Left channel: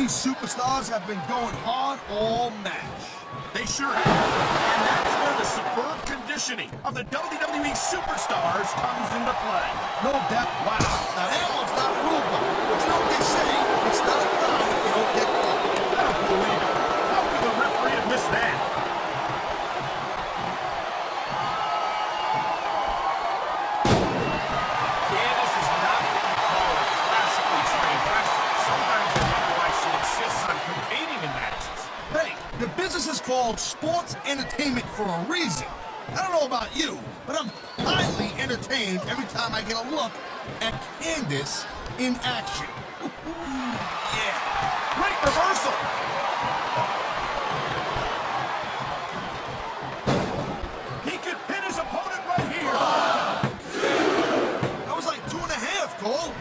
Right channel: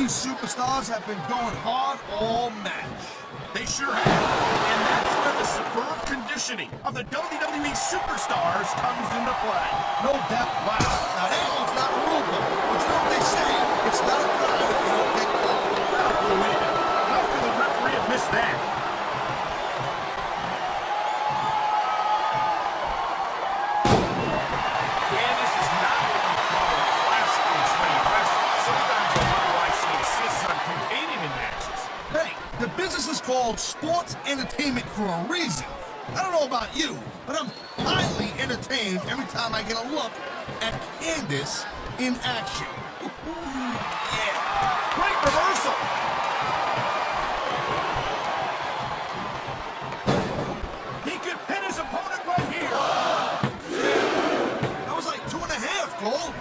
These superstars have been going hard all match. They sure have. And that's where the superb conditioning of the WWE superstars comes into play. No doubt. Wow. Now, elbow's not a rule book. But you know what they say? It's not a crime if you don't get caught. I don't believe it. How could the referee have missed that? Candice is not what you call a classically trained wrestler. Sometimes I wonder why she insists on competing in matches. Hey, the business is called sports entertainment for a reason. I don't know about you, but I'm highly entertained every time I get a look at Candice in action. Yeah. Great reversal. He could pin his opponent right here. That was like 2.5, Cole.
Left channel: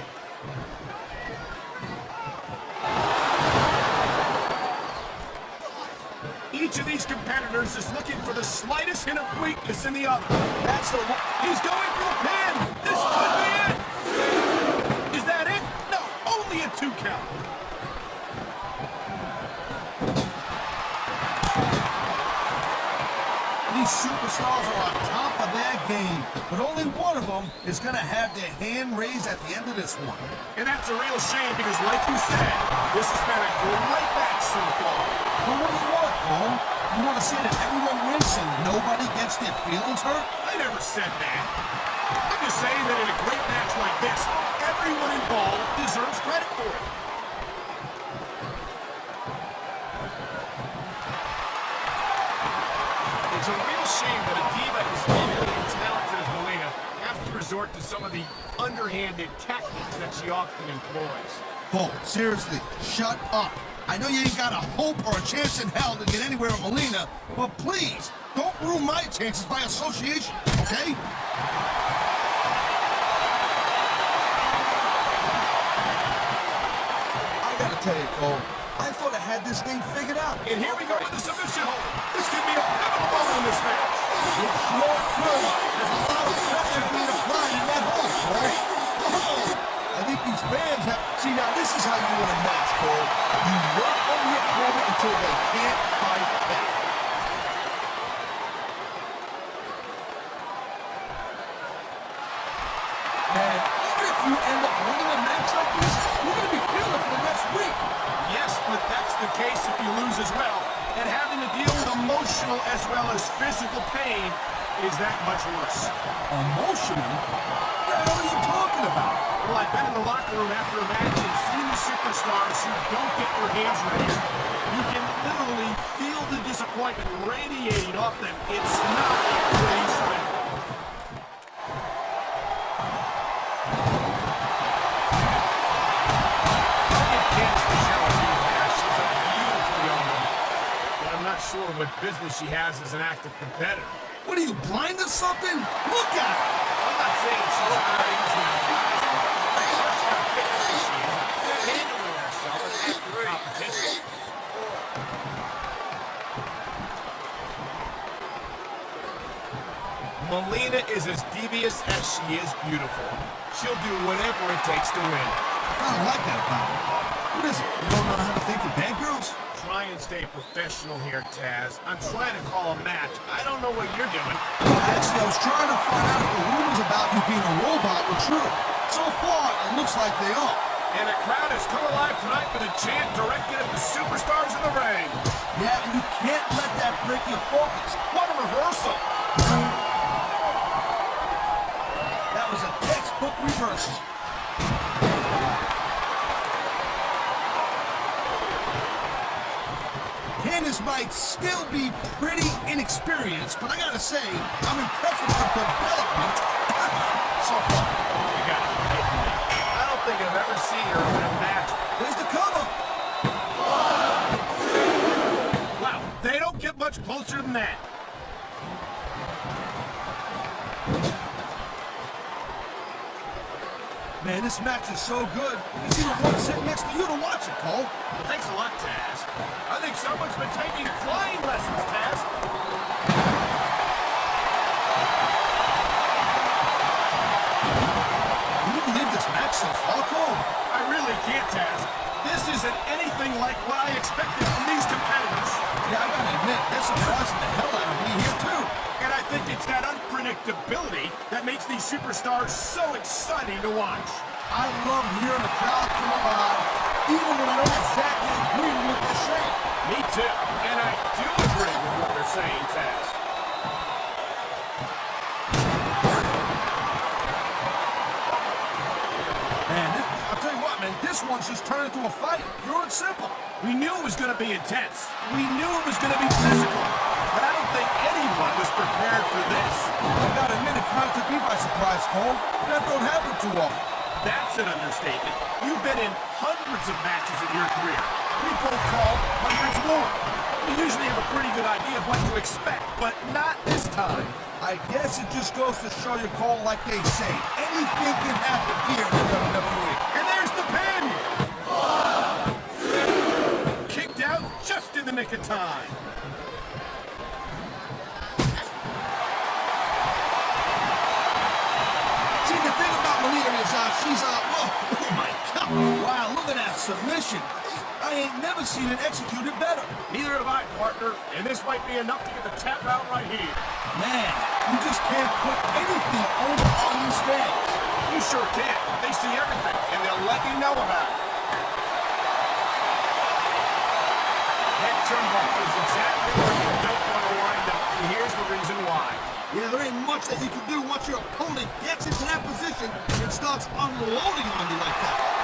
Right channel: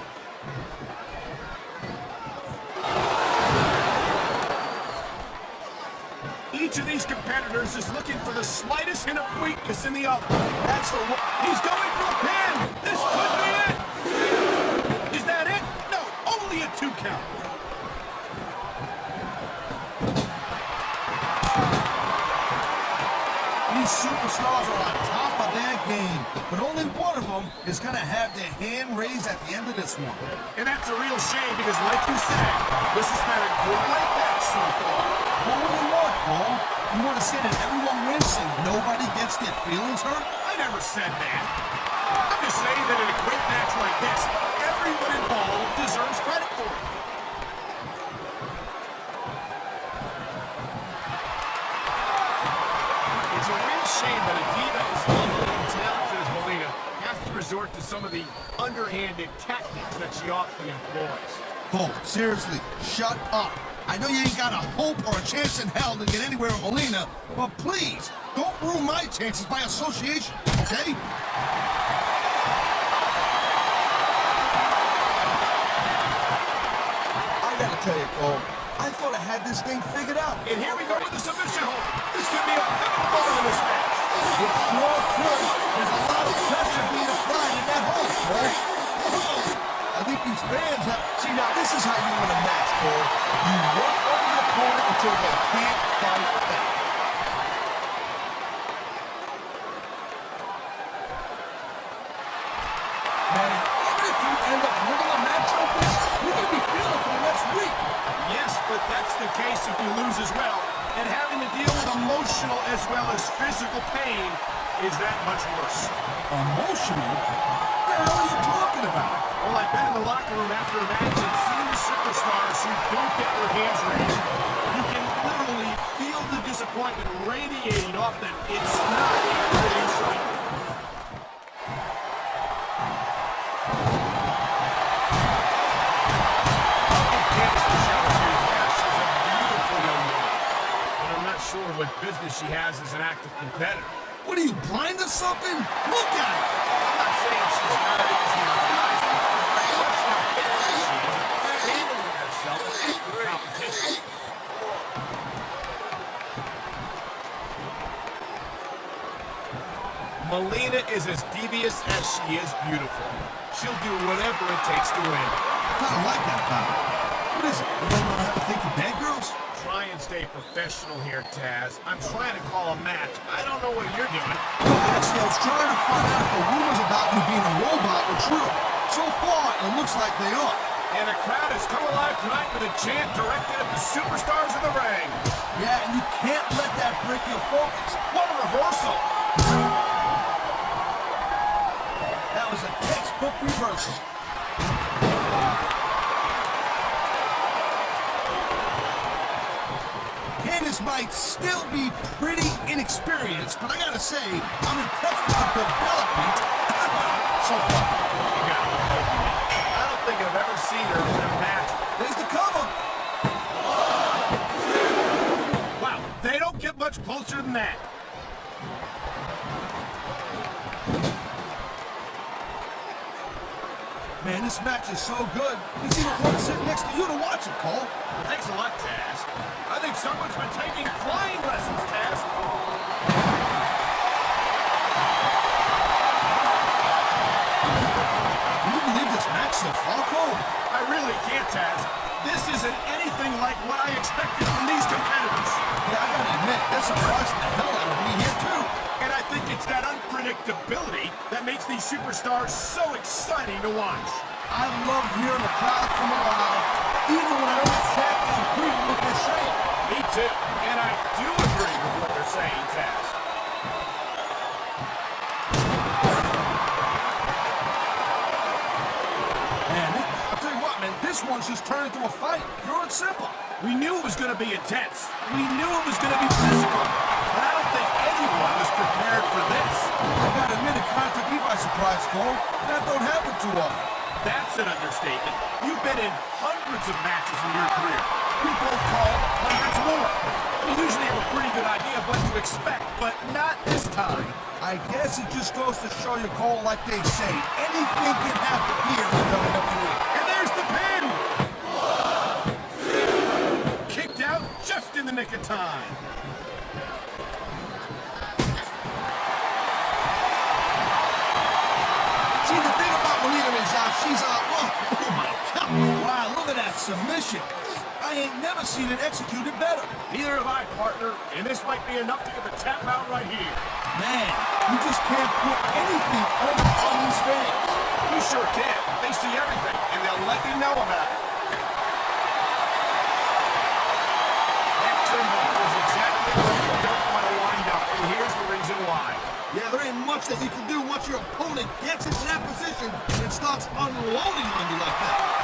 Each of these competitors is looking for the slightest hint of weakness in the other. That's the He's going for a pin. This could be it. Is that it? No, only a 2 count. These superstars are on top of their game, but only one of them is going to have their hand raised at the end of this one. And that's a real shame because, like you said, this has been a great match so far. But what do you want, Cole? You want to see that everyone wins so nobody gets their feelings hurt? I never said that. I'm just saying that in a great match like this, everyone involved deserves credit for it. It's a real shame that a diva as lovely and talented as Melina has to resort to some of the underhanded tactics that she often employs. Cole, seriously, shut up. I know you ain't got a hope or a chance in hell to get anywhere with Melina, but please, don't ruin my chances by association, okay? I gotta tell you, Cole, I thought I had this thing figured out. And here we go with the submission hold. This could be a pivotal moment in this match. It sure could. There's a lot of pressure being applied in that hole, Cole. I think these fans have... See, now, this is how you win a match, Cole. You work on your opponent until they can't fight back. Man, even if you end up winning a match like this, you're going to be feeling for the next week. Yes, but that's the case if you lose as well. And having to deal with emotional as well as physical pain is that much worse. Emotional? What the hell are you talking about? Well, I've been in the locker room after a match and seen the superstars who don't get their hands raised. You can literally feel the disappointment radiating off them. It's not a pretty sight. I'm not sure what business she has as an active competitor. What are you, blind or something? Look at her! I'm not saying she's not easy to rise. Handling herself as competition. Melina is as devious as she is beautiful. She'll do whatever it takes to win. I kind of like that about her. What is it? You don't know how to think for bad girls? Try and stay professional here, Taz. I'm trying to call a match. I don't know what you're doing. Exno's trying to find out if the rumors about you being a robot were true. So far, it looks like they are. And the crowd has come alive tonight with a chant directed at the superstars in the ring. Yeah, and you can't let that break your focus. What a reversal! That was a textbook reversal. Candice might still be pretty inexperienced, but I gotta say, I'm impressed with her development so far. You got it. I don't think I've ever seen her in a match. There's the cover. Wow, they don't get much closer than that. Man, this match is so good. It's even fun to sit next to you to watch it, Cole. Thanks a lot, Taz. I think someone's been taking flying lessons, Taz. Can you believe this match so far, Cole? I really can't, Taz. This isn't anything like what I expected from these competitors. Yeah, I gotta admit, they're surprising the hell out of me here, too. And I think it's that unpredictability that makes these superstars so exciting to watch. I love hearing the crowd come alive, even when I don't exactly agree with what they're saying. Me too. And I do agree with what they're saying, Taz. Man, I'll tell you what, man, this one she's turned into a fight, pure and simple. We knew it was going to be intense. We knew it was going to be physical. But I don't think anyone was prepared for this. I gotta admit, it kind of took me by surprise, Cole. That don't happen too often. That's an understatement. You've been in hundreds of matches in your career. We both called hundreds more. You usually have a pretty good idea of what to expect, but not this time. I guess it just goes to show you, Cole, like they say, anything can happen here in WWE. And there's the pin! Kicked out just in the nick of time. See, the thing about Melina is she's oh my God. Wow, look at that submission. I ain't never seen it executed better. Neither have I, partner, and this might be enough to get the tap out right here. Man, you just can't put anything over on these fans. You sure can. They see everything, and they'll let you know about it. Head turnbuckle is exactly where you don't want to wind up, and here's the reason why. Yeah, there ain't much that you can do once your opponent gets into that position and starts unloading on you like that.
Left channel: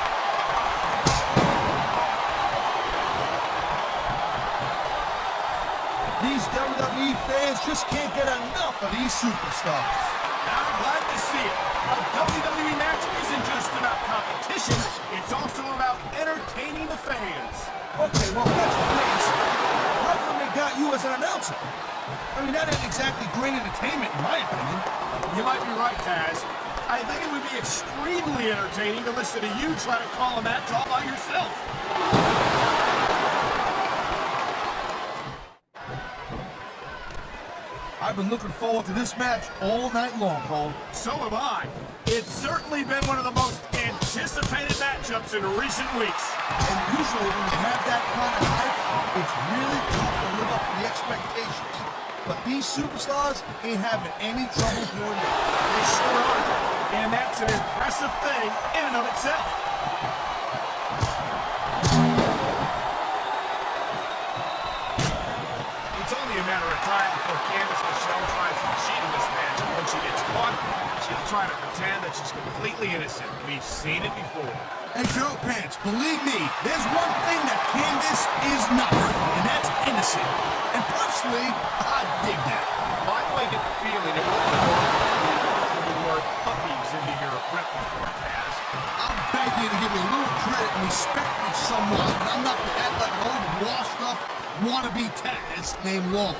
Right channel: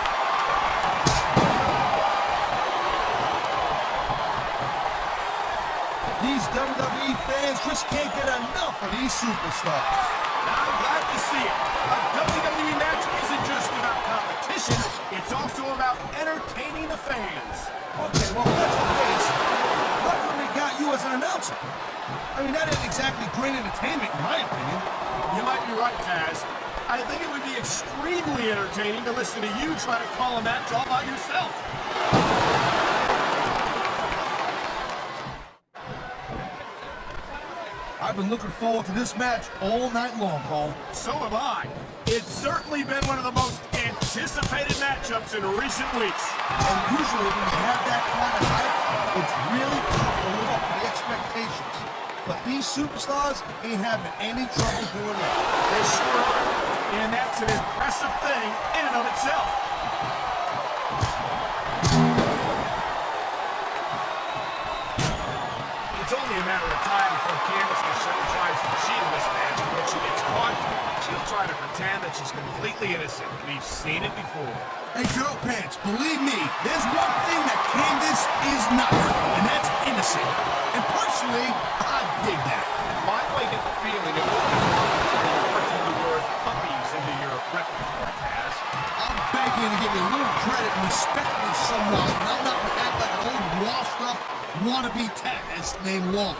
These WWE fans just can't get enough of these superstars. Now, I'm glad to see it. A WWE match isn't just about competition, it's also about entertaining the fans. Okay, well, that's the case. How come they got you as an announcer? I mean, that ain't exactly great entertainment, in my opinion. You might be right, Taz. I think it would be extremely entertaining to listen to you try to call a match all by yourself. I've been looking forward to this match all night long, Cole. So have I. It's certainly been one of the most anticipated matchups in recent weeks. And usually when you have that kind of hype, it's really tough to live up to the expectations. But these superstars ain't having any trouble doing that. They sure are. And that's an impressive thing in and of itself. It's only a matter of time before Candice tries to cheat this match. When she gets caught, she'll try to pretend that she's completely innocent. We've seen it before. Hey, Joe Pants, believe me, there's one thing that Candice is not, and that's innocent. And personally, I dig that. I might get the feeling it will be putting the word puppies into your repertoire, Taz. I'm begging you to give me a little credit and respect me somewhat, and I'm not going to act like an old washed-up wannabe Taz named Walt.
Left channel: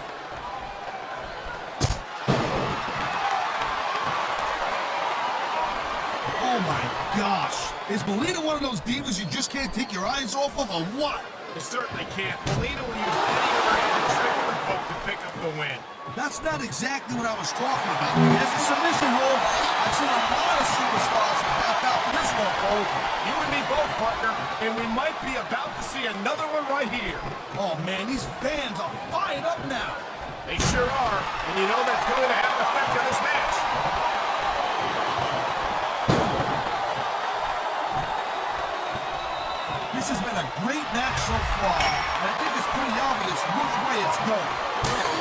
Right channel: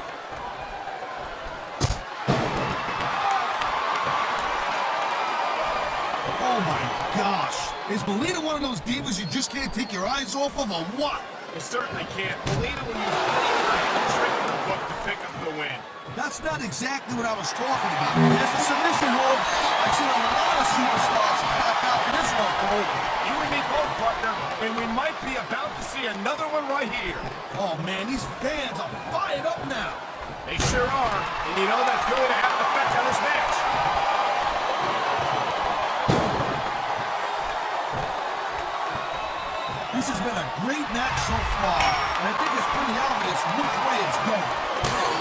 Oh my gosh. Is Melina one of those divas you just can't take your eyes off of, or what? You certainly can't. Melina will use any random trick in the book to pick up the win. That's not exactly what I was talking about. As a submission hold, I've seen a lot of superstars back out for this one, Cole. You and me both, partner, and we might be about to see another one right here. Oh man, these fans are fired up now. They sure are, and you know that's going to have an effect on this match. This has been a great match so far, and I think it's pretty obvious which way it's going.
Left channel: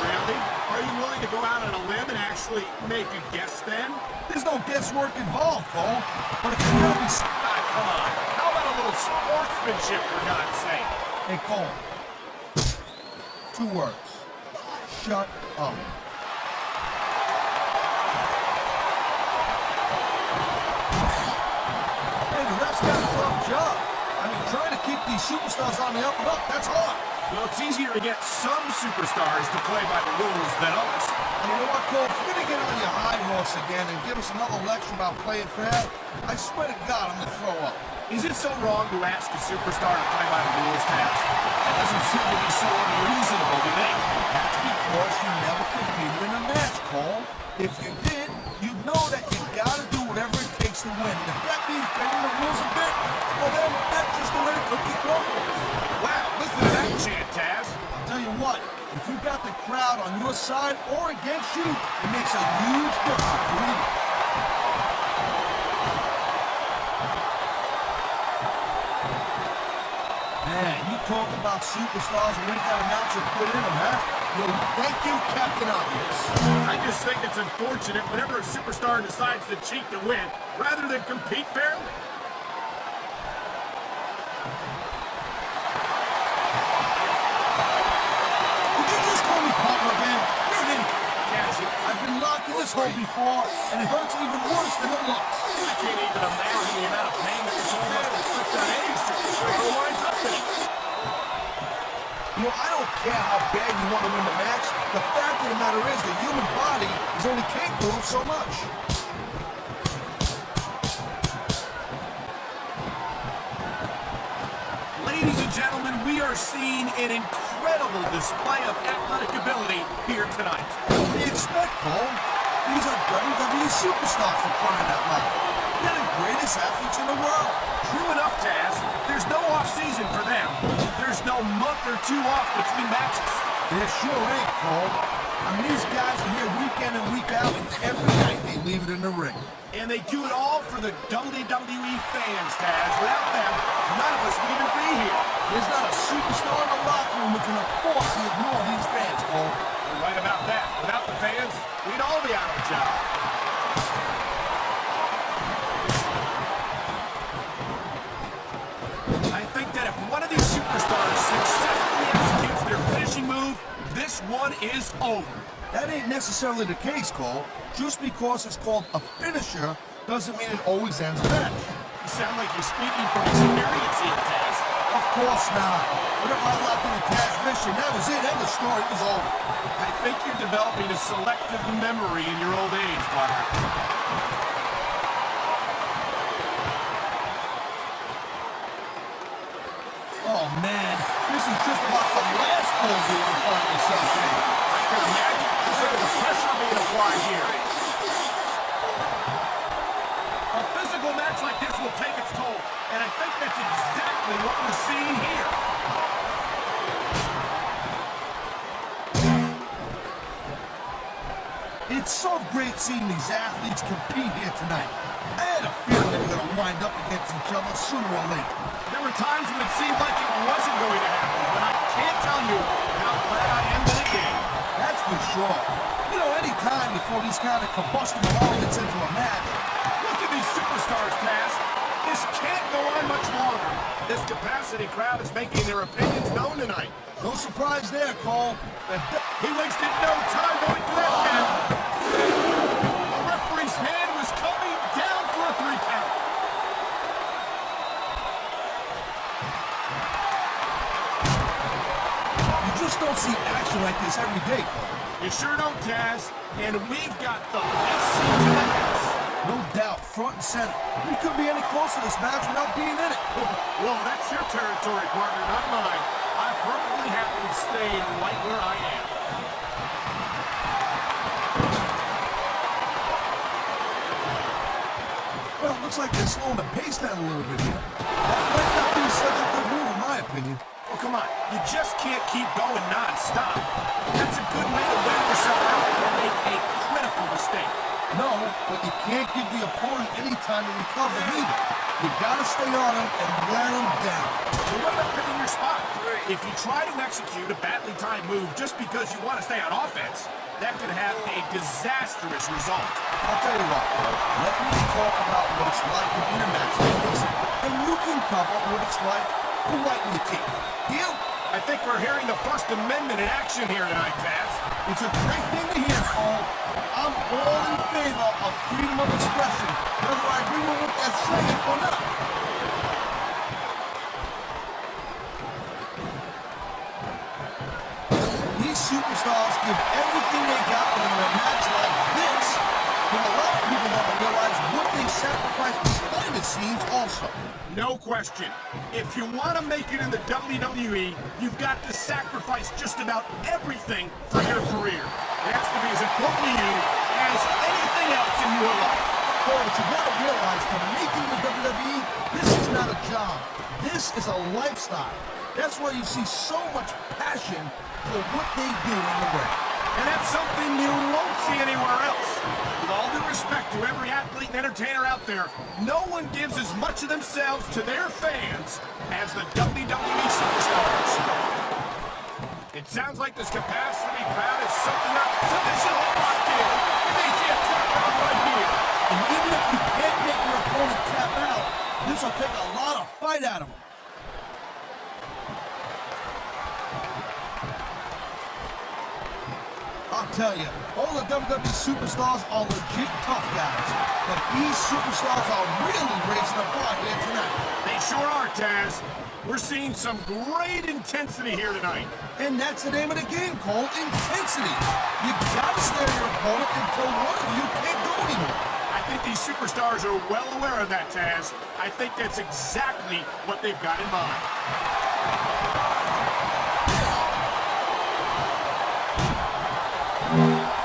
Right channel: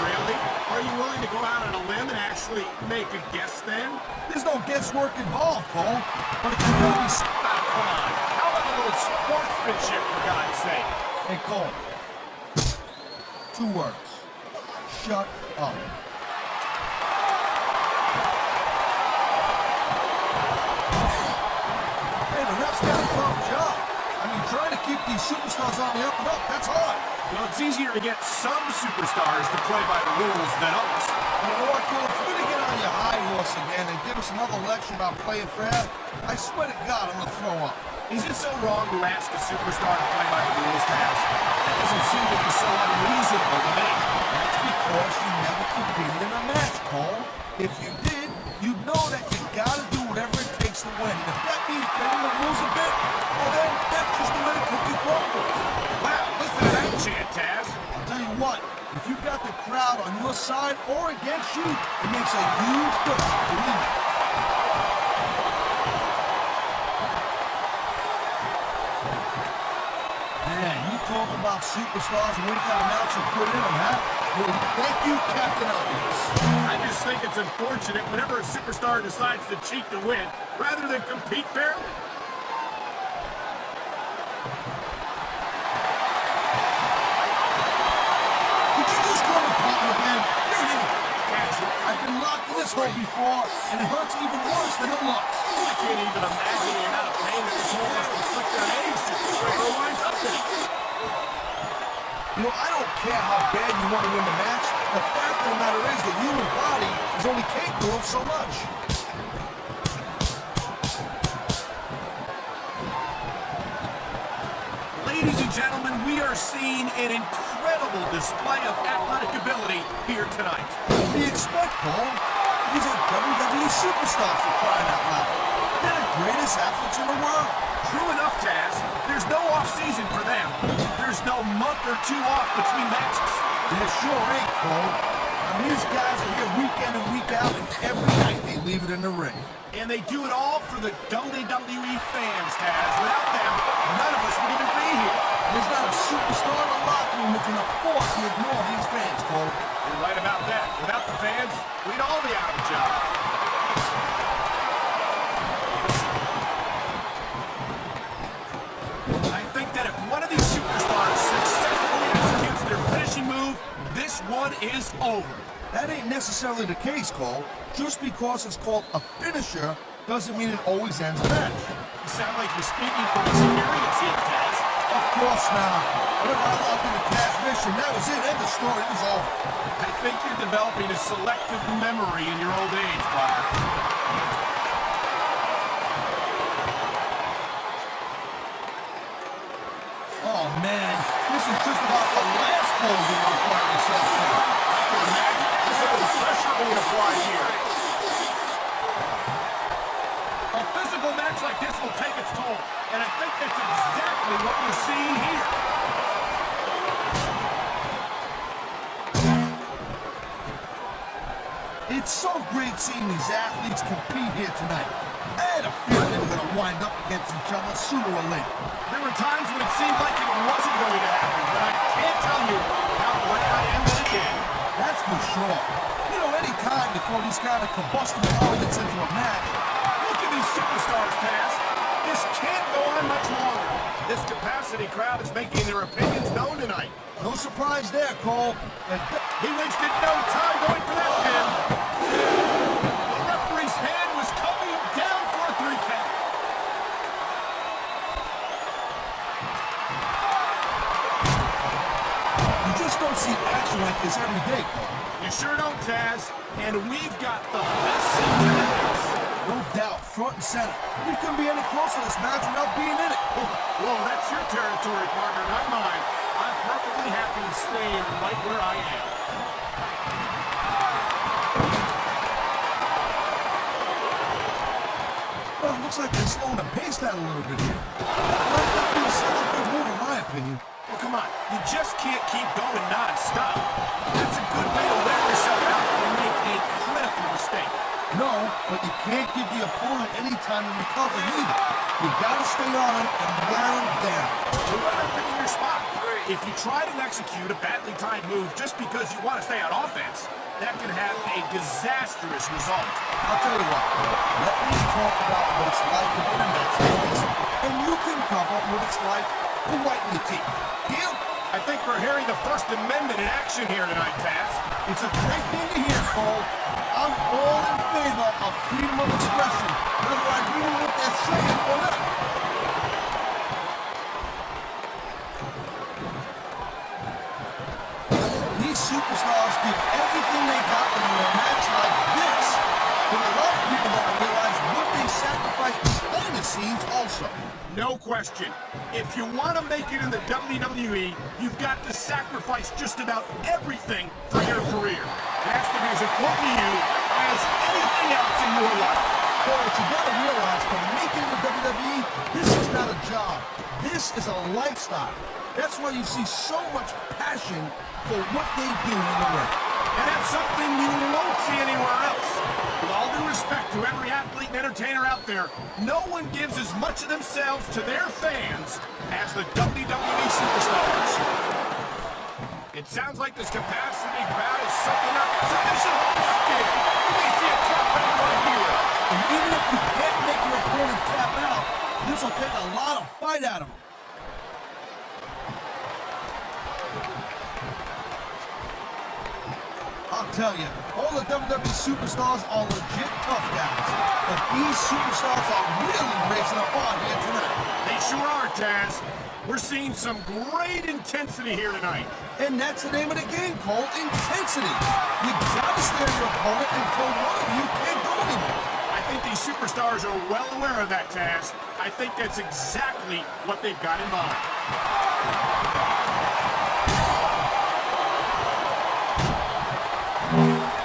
Really? Are you willing to go out on a limb and actually make a guess then? There's no guesswork involved, Cole. But if you're gonna be... Come on. How about a little sportsmanship, for God's sake? Hey, Cole. 2 words. Shut up. Hey, the ref's got a tough job. I mean, trying to keep these superstars on the up and up, that's hard. Well, it's easier to get some superstars to play by the rules than others. You know what, Cole? If you're going to get on your high horse again and give us another lecture about playing fair, I swear to God, I'm going to throw up. Is it so wrong to ask a superstar to play by the rules, Taz? It doesn't seem to be so unreasonable to me. That's because you never competed in a match, Cole. If you did, you'd know that you got to do whatever it takes to win. And if that means bending the rules a bit, well then, that's just the way the cookie crumbles. side or against you, it makes a huge difference, believe me. Man, you talk about superstars and what that announcer put in them, huh? Well, thank you, Captain Obvious. I just think it's unfortunate whenever a superstar decides to cheat to win rather than compete fairly. Did you just call me Papa again? You're in. I've been locked in this hole before, and it hurts even worse than it looks. I can't even imagine the amount of pain that it's going to inflict on any superstar who winds up in it. You know, I don't care how bad you want to win the match. The fact of the matter is the human body is only capable of so much. Ladies and gentlemen, we are seeing an incredible display of athletic ability here tonight. What do you expect, Cole? These are WWE superstars for crying out loud. They're the greatest athletes in the world. True enough, Taz. There's no off-season for them. There's no month or two off between matches. There sure ain't, Cole. I mean, these guys are here week in and week out, and every night they leave it in the ring. And they do it all for the WWE fans, Taz. Without them, none of us would even be here. There's not a superstar in the locker room that can afford to ignore these fans, Cole. You're right about that. Without the fans, we'd all be out of a job. I think that if one of these superstars successfully executes their finishing move, this one is over. That ain't necessarily the case, Cole. Just because it's called a finisher doesn't mean it always ends the match. You sound like you're speaking from experience here, Taz. Of course not. Whatever I locked in the cash mission, that was it, and the story was over. I think you're developing a selective memory in your old age, Bob. Oh man, this is just about the last pose we want to find myself in. Imagine physical pressure being applied here. A physical match like this will take its toll, and I think that's exactly what we're seeing here. It's so great seeing these athletes compete here tonight. I had a feeling they were going to wind up against each other sooner or later. There were times when it seemed like it wasn't going to happen, but I can't tell you how glad I am that it did. That's for sure. You know, any time they throw these kind of combustible elements into a match. Look at these superstars, Taz. This can't go on much longer. This capacity crowd is making their opinions known tonight. No surprise there, Cole. He wasted no time going for that pin. The referee's hand was coming down for a 3 count. You just don't see action like this every day, Cole. You sure don't, Taz. And we've got the best seats in the house. No doubt, front and center. We couldn't be any closer to this match without being in it. Well, that's your territory, partner, not mine. I'm perfectly happy to stay right where I am. Well, it looks like they're slowing the pace down a little bit here. That might not be such a good move, in my opinion. Well, come on. You just can't keep going non-stop. That's a good way to wear yourself out and make a critical mistake. No, but you can't give the opponent any time to recover either. You gotta stay on him and wear him down. You're right up in your spot. If you try to execute a badly timed move just because you want to stay on offense, that can have a disastrous result. I'll tell you what, let me talk about what it's like to be in a match like this, and you can cover what it's like to whiten your teeth. Deal? I think we're hearing the First Amendment in action here tonight, Taz. It's a great thing to hear, Cole. I'm all in favor of freedom of expression, whether I agree with what they're saying or not. These superstars give everything they got in a match like this. But a lot of people don't realize what they sacrifice behind the scenes also. No question. If you want to make it in the WWE, you've got to sacrifice just about everything for your career. It has to be as important to you as anything else in your life. Oh, but you gotta realize, to make it in the WWE, this is not a job. This is a lifestyle. That's why you see so much passion for what they do in the ring. And that's something you won't see anywhere else. With all due respect to every athlete and entertainer out there, no one gives as much of themselves to their fans as the WWE superstars. It sounds like this capacity crowd is sucking up submission hold kick. We may see a tap out right here. And even if you can't make your opponent tap out, this will take a lot of fight out of him. I'll tell you, all the WWE superstars are legit tough guys, but these superstars are really raising the bar here tonight. They sure are, Taz. We're seeing some great intensity here tonight. And that's the name of the game, called intensity. You gotta stare your opponent until one of you can't go anymore. I think these superstars are well aware of that, Taz. I think that's exactly what they've got in mind.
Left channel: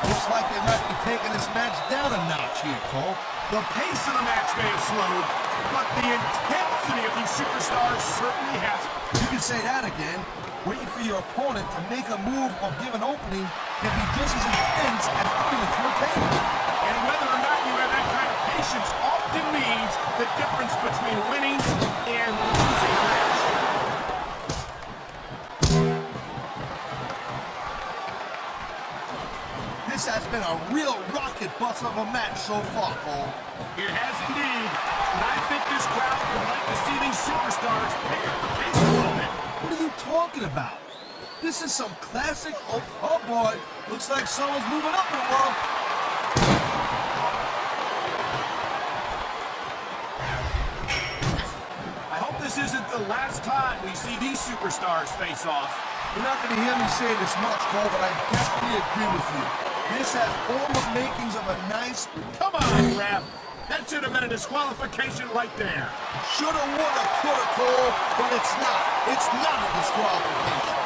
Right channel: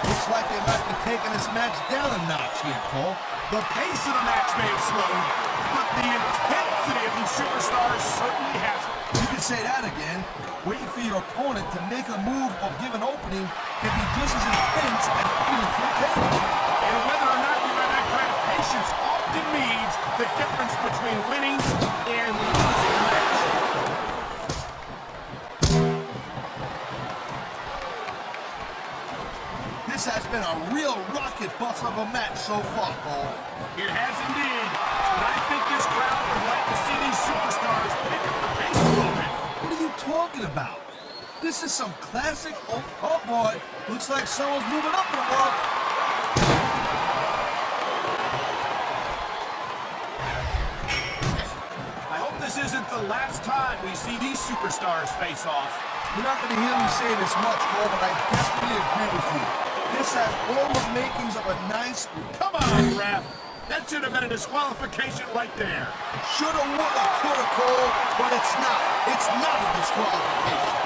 Looks like they might be taking this match down a notch here, Cole. The pace of the match may have slowed, but the intensity of these superstars certainly hasn't. You can say that again. Waiting for your opponent to make a move or give an opening can be just as intense as putting it through a table. And whether or not you have that kind of patience often means the difference between winning and losing a match. This has been a real rocket bust of a match so far, Cole. It has indeed. And I think this crowd would like to see these superstars pick up the pace a little bit. What are you talking about? This is some classic, oh boy, looks like someone's moving up in the world. I hope this isn't the last time we see these superstars face off. You're not going to hear me say this much, Cole, but I definitely agree with you. This has all the makings of a nice... Come on, ref. That should have been a disqualification right there. Shoulda, woulda, coulda, Cole, but it's not. It's not a disqualification.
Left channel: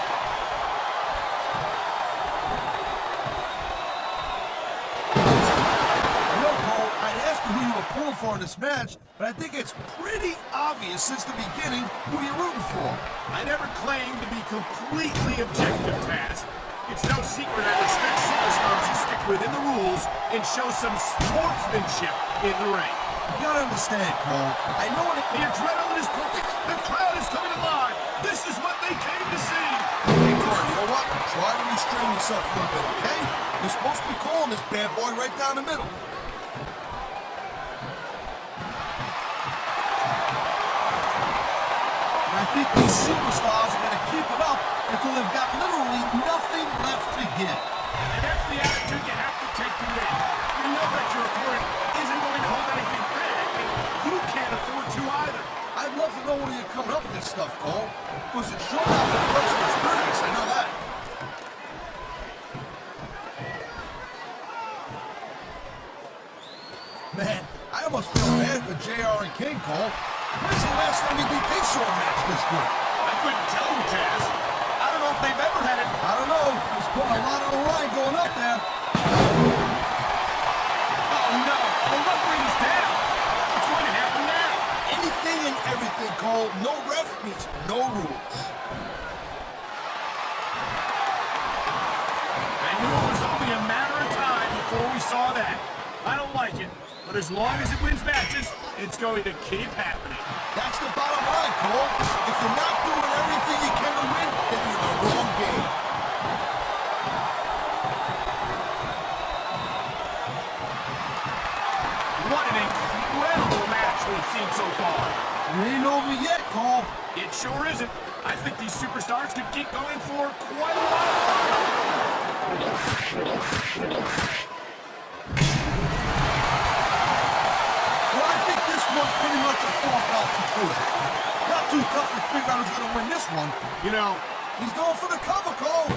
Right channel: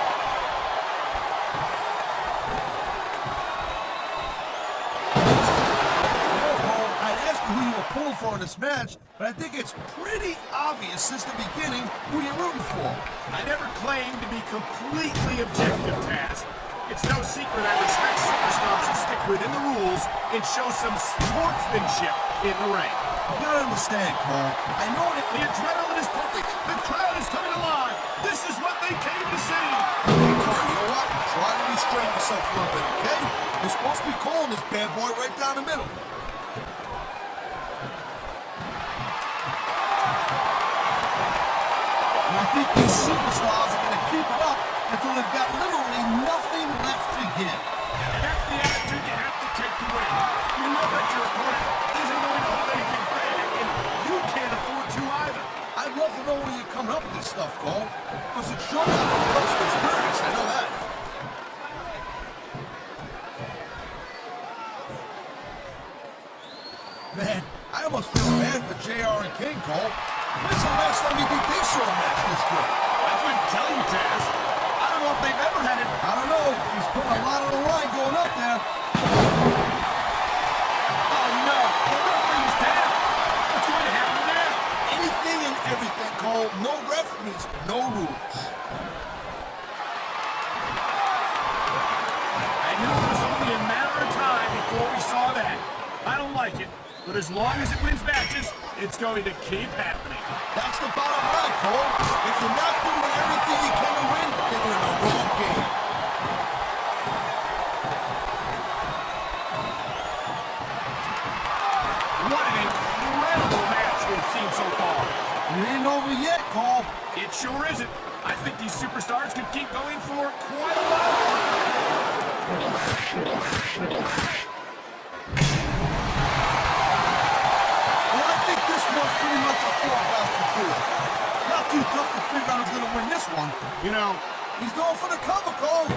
Cole, I'd ask you who you were pulling for in this match, but I think it's pretty obvious since the beginning who you're rooting for. I never claimed to be completely objective, Taz. It's no secret I respect superstars who stick within the rules and show some sportsmanship in the ring. You gotta understand, Cole. I know that The adrenaline is pumping. The crowd is coming alive. This is what they came to see. Cole, you know what? Try to restrain yourself a little bit, okay? You're supposed to be calling this bad boy right down the middle. I think these superstars are gonna keep it up until they've got literally nothing left to give. And that's the attitude you have to take to win. You know that your opponent isn't going to hold anything back, and you can't afford to either. I'd love to know where you're coming up with this stuff, Cole. Because it's sure not a bunch of experience, I know that. Man, I almost feel bad for JR and King, Cole. When's the last time you think they saw a match this good? I couldn't tell you, Taz. I don't know if they've ever had it. I don't know. He's putting a lot on the line going up there. Oh, no. The referee's down. What's going to happen now? Anything and everything, Cole. No ref means no rules. I knew it was only a matter of time before we saw that. I don't like it, but as long as it wins matches, it's going to keep happening. That's the bottom line, Cole. If you're not doing everything you can to win, then you're in the wrong game. What an incredible match we've seen so far. You ain't over yet, Cole. It sure isn't. I think these superstars could keep going for quite a while longer. One's pretty much a foregone conclusion. Not too tough to figure out who's going to win this one. You know, he's going for the cover, Cole.